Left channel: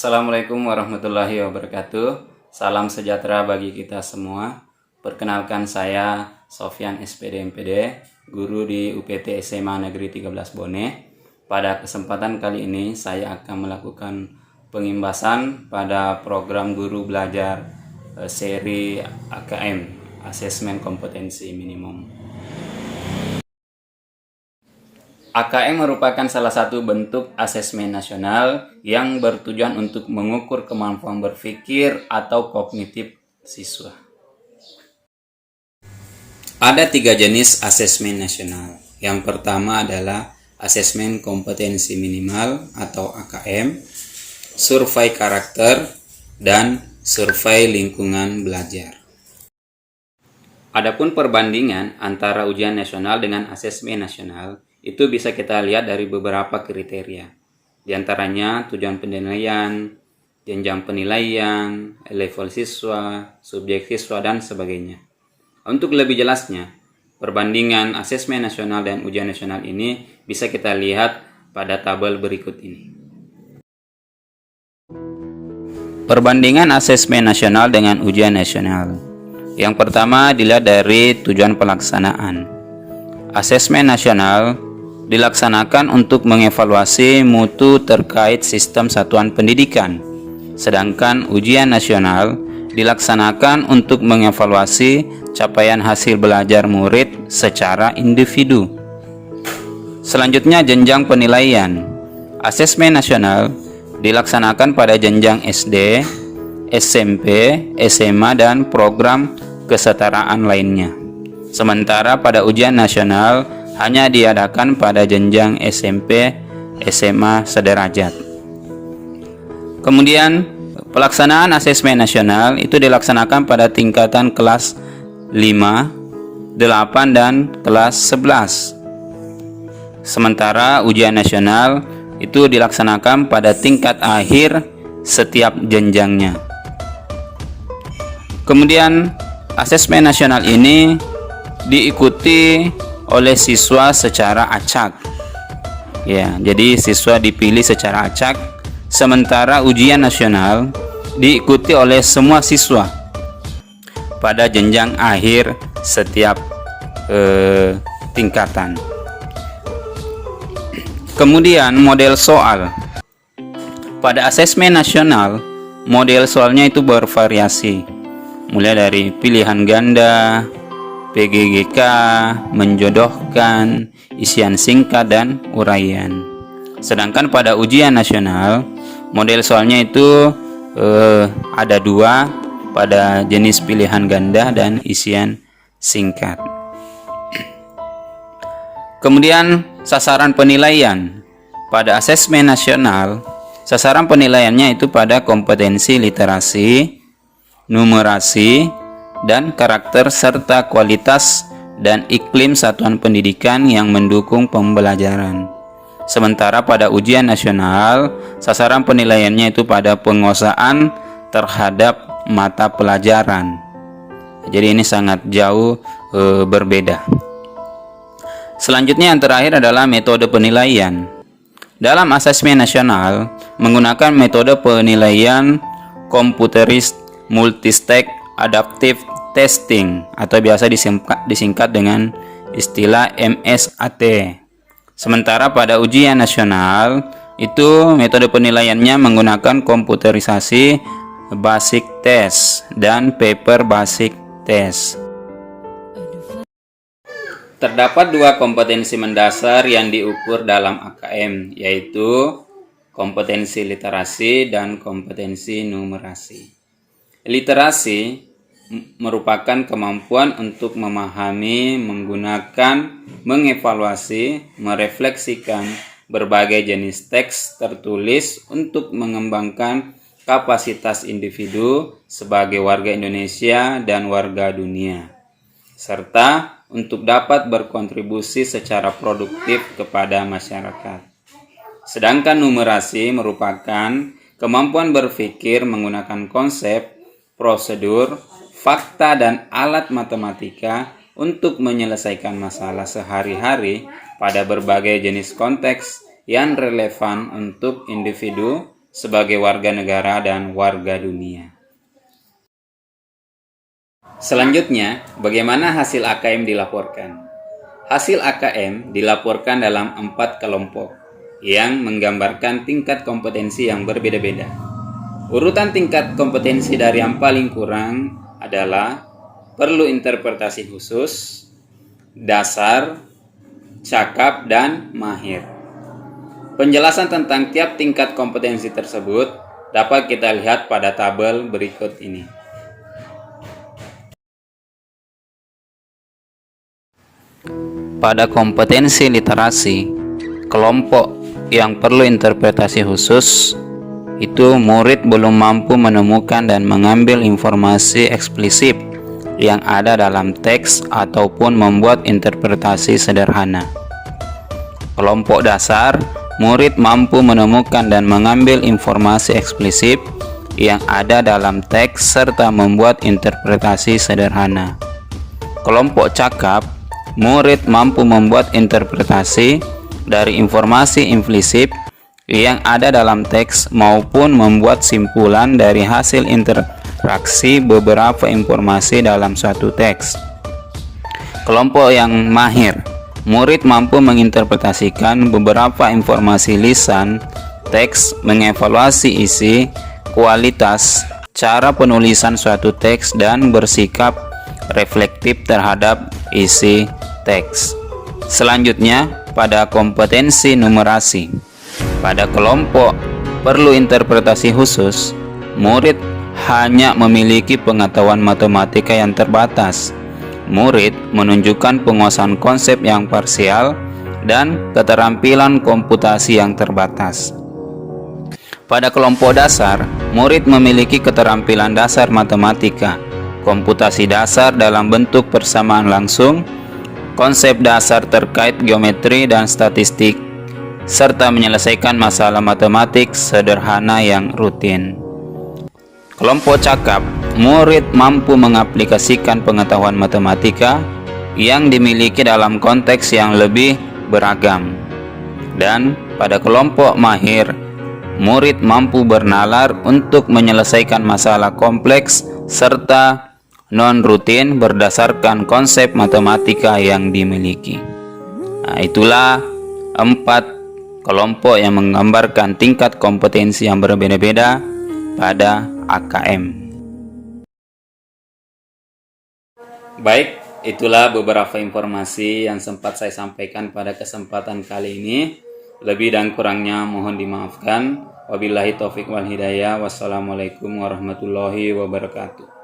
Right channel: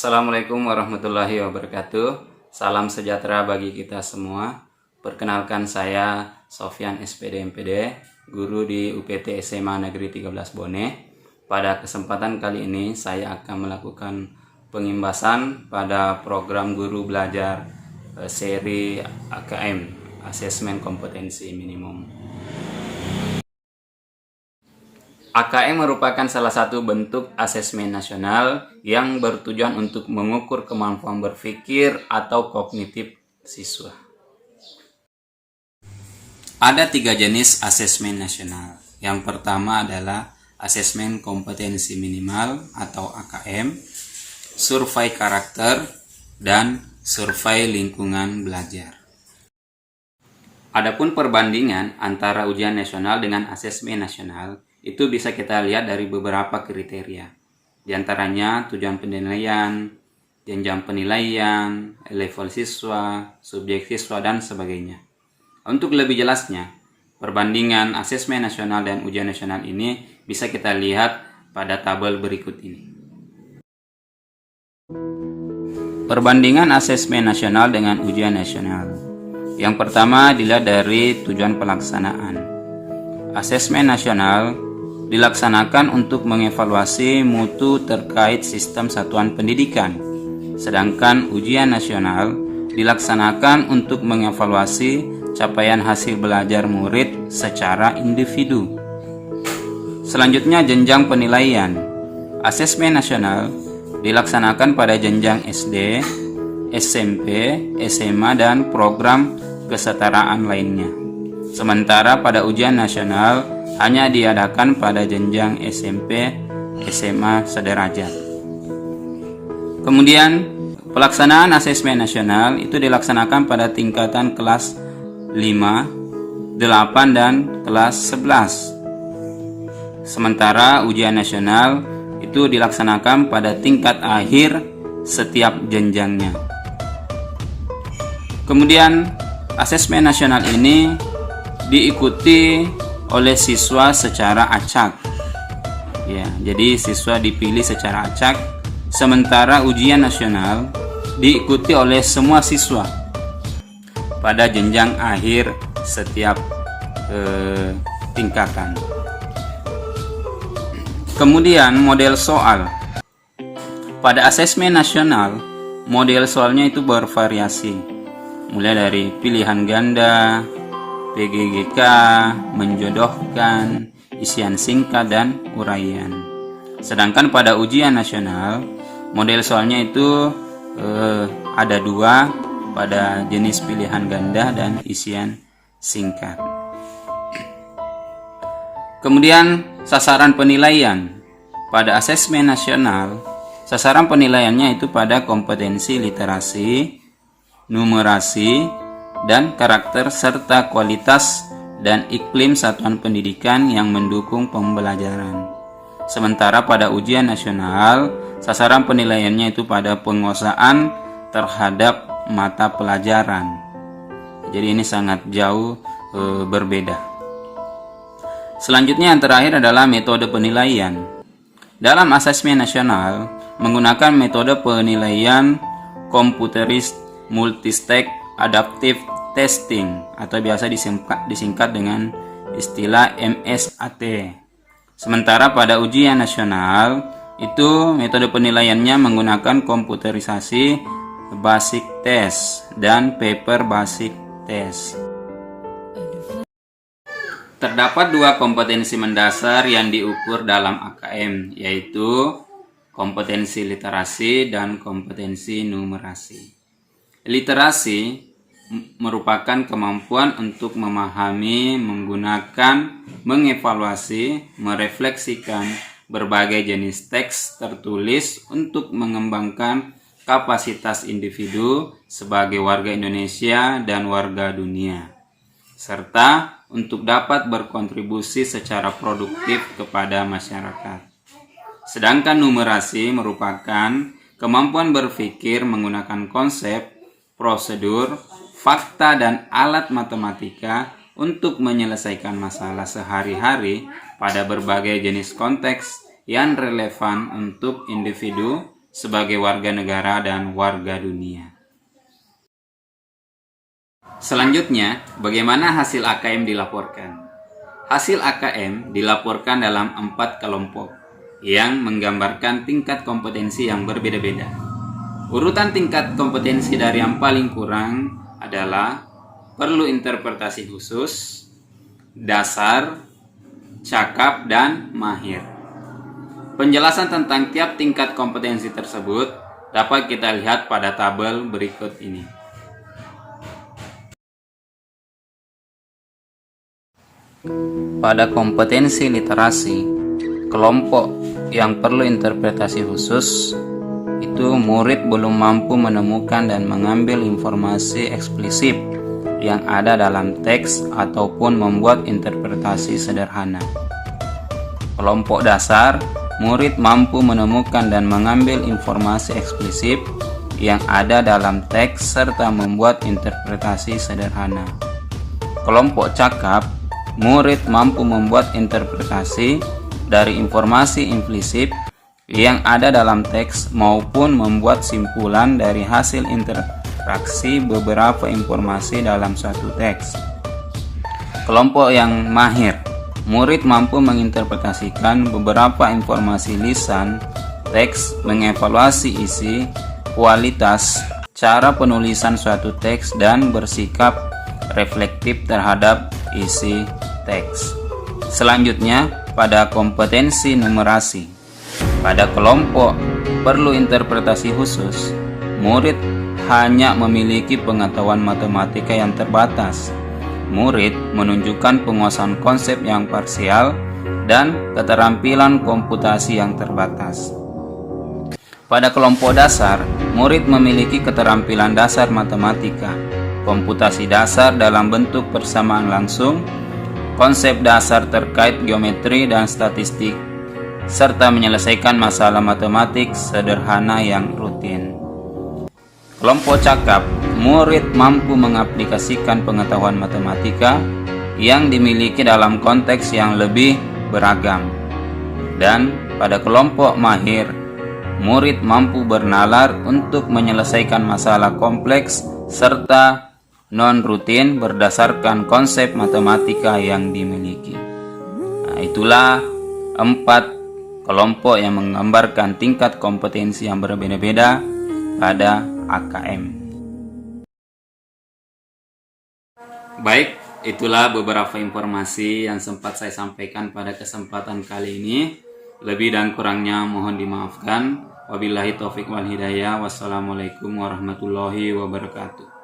Assalamualaikum warahmatullahi wabarakatuh. Salam sejahtera bagi kita semua. Perkenalkan saya Sofyan SPD MPD, guru di UPT SMA Negeri 13 Bone. Pada kesempatan kali ini saya akan melakukan pengimbasan pada program guru belajar seri AKM, Asesmen Kompetensi Minimum. AKM merupakan salah satu bentuk asesmen nasional yang bertujuan untuk mengukur kemampuan berpikir atau kognitif siswa. Ada 3 jenis asesmen nasional. Yang pertama adalah asesmen kompetensi minimal atau AKM, survei karakter, dan survei lingkungan belajar. Adapun perbandingan antara ujian nasional dengan asesmen nasional itu bisa kita lihat dari beberapa kriteria. Di antaranya tujuan penilaian, jenjang penilaian, level siswa, subjek siswa, dan sebagainya. Untuk lebih jelasnya, perbandingan asesmen nasional dan ujian nasional ini bisa kita lihat pada tabel berikut ini. Perbandingan asesmen nasional dengan ujian nasional. Yang pertama dilihat dari tujuan pelaksanaan. Asesmen nasional dilaksanakan untuk mengevaluasi mutu terkait sistem satuan pendidikan, sedangkan ujian nasional dilaksanakan untuk mengevaluasi capaian hasil belajar murid secara individu. Selanjutnya, jenjang penilaian. Asesmen nasional dilaksanakan pada jenjang SD, SMP, SMA, dan program kesetaraan lainnya. Sementara pada ujian nasional hanya diadakan pada jenjang SMP, SMA sederajat. Kemudian, pelaksanaan asesmen nasional itu dilaksanakan pada tingkatan kelas 5, 8, dan kelas 11. Sementara ujian nasional itu dilaksanakan pada tingkat akhir setiap jenjangnya. Kemudian, asesmen nasional ini diikuti oleh siswa secara acak. Ya, jadi siswa dipilih secara acak, sementara ujian nasional diikuti oleh semua siswa pada jenjang akhir setiap tingkatan. Kemudian model soal. Pada asesmen nasional, model soalnya itu bervariasi, mulai dari pilihan ganda, PGGK, menjodohkan, isian singkat, dan uraian. Sedangkan pada ujian nasional, model soalnya itu ada 2 pada jenis pilihan ganda dan isian singkat. Kemudian sasaran penilaian. Pada asesmen nasional, sasaran penilaiannya itu pada kompetensi literasi, numerasi, dan karakter serta kualitas dan iklim satuan pendidikan yang mendukung pembelajaran. Sementara pada ujian nasional, sasaran penilaiannya itu pada penguasaan terhadap mata pelajaran. Jadi ini sangat jauh berbeda. Selanjutnya yang terakhir adalah metode penilaian. Dalam asesmen nasional menggunakan metode penilaian komputeris multistage adaptive testing atau biasa disingkat dengan istilah MSAT. Sementara pada ujian nasional itu metode penilaiannya menggunakan komputerisasi basic test dan paper basic test. Terdapat 2 kompetensi mendasar yang diukur dalam AKM, yaitu kompetensi literasi dan kompetensi numerasi. Literasi merupakan kemampuan untuk memahami, menggunakan, mengevaluasi, merefleksikan berbagai jenis teks tertulis untuk mengembangkan kapasitas individu sebagai warga Indonesia dan warga dunia, serta untuk dapat berkontribusi secara produktif kepada masyarakat. Sedangkan numerasi merupakan kemampuan berpikir menggunakan konsep, prosedur, fakta, dan alat matematika untuk menyelesaikan masalah sehari-hari pada berbagai jenis konteks yang relevan untuk individu sebagai warga negara dan warga dunia. Selanjutnya, bagaimana hasil AKM dilaporkan? Hasil AKM dilaporkan dalam 4 kelompok yang menggambarkan tingkat kompetensi yang berbeda-beda. Urutan tingkat kompetensi dari yang paling kurang adalah perlu interpretasi khusus, dasar, cakap, dan mahir. Penjelasan tentang tiap tingkat kompetensi tersebut dapat kita lihat pada tabel berikut ini. Pada kompetensi literasi, kelompok yang perlu interpretasi khusus itu murid belum mampu menemukan dan mengambil informasi eksplisit yang ada dalam teks ataupun membuat interpretasi sederhana. Kelompok dasar, murid mampu menemukan dan mengambil informasi eksplisit yang ada dalam teks serta membuat interpretasi sederhana. Kelompok cakap, murid mampu membuat interpretasi dari informasi implisit yang ada dalam teks maupun membuat simpulan dari hasil interaksi beberapa informasi dalam suatu teks. Kelompok yang mahir, murid mampu menginterpretasikan beberapa informasi lisan, teks, mengevaluasi isi, kualitas, cara penulisan suatu teks, dan bersikap reflektif terhadap isi teks. Selanjutnya, pada kompetensi numerasi. Pada kelompok perlu interpretasi khusus, murid hanya memiliki pengetahuan matematika yang terbatas. Murid menunjukkan penguasaan konsep yang parsial dan keterampilan komputasi yang terbatas. Pada kelompok dasar, murid memiliki keterampilan dasar matematika, komputasi dasar dalam bentuk persamaan langsung, konsep dasar terkait geometri dan statistik, serta menyelesaikan masalah matematik sederhana yang rutin. Kelompok cakap, murid mampu mengaplikasikan pengetahuan matematika yang dimiliki dalam konteks yang lebih beragam. Dan pada kelompok mahir, murid mampu bernalar untuk menyelesaikan masalah kompleks serta non-rutin berdasarkan konsep matematika yang dimiliki. Nah, itulah 4 kelompok yang menggambarkan tingkat kompetensi yang berbeda-beda pada AKM. Baik, itulah beberapa informasi yang sempat saya sampaikan pada kesempatan kali ini. Lebih dan kurangnya mohon dimaafkan. Wabillahi taufik wal hidayah. Wassalamualaikum warahmatullahi wabarakatuh.